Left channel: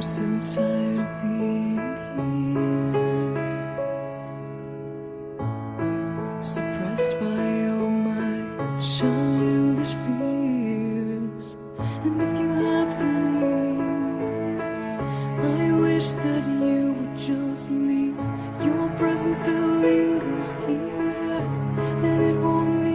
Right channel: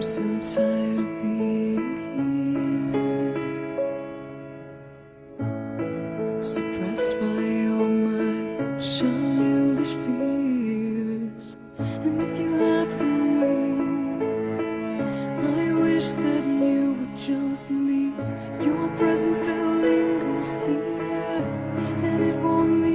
I'm so tired of being here, suppressed by all my childish fears. And if you have to leave, I wish that you would just leave. Your presence still lingers here, and it won't leave.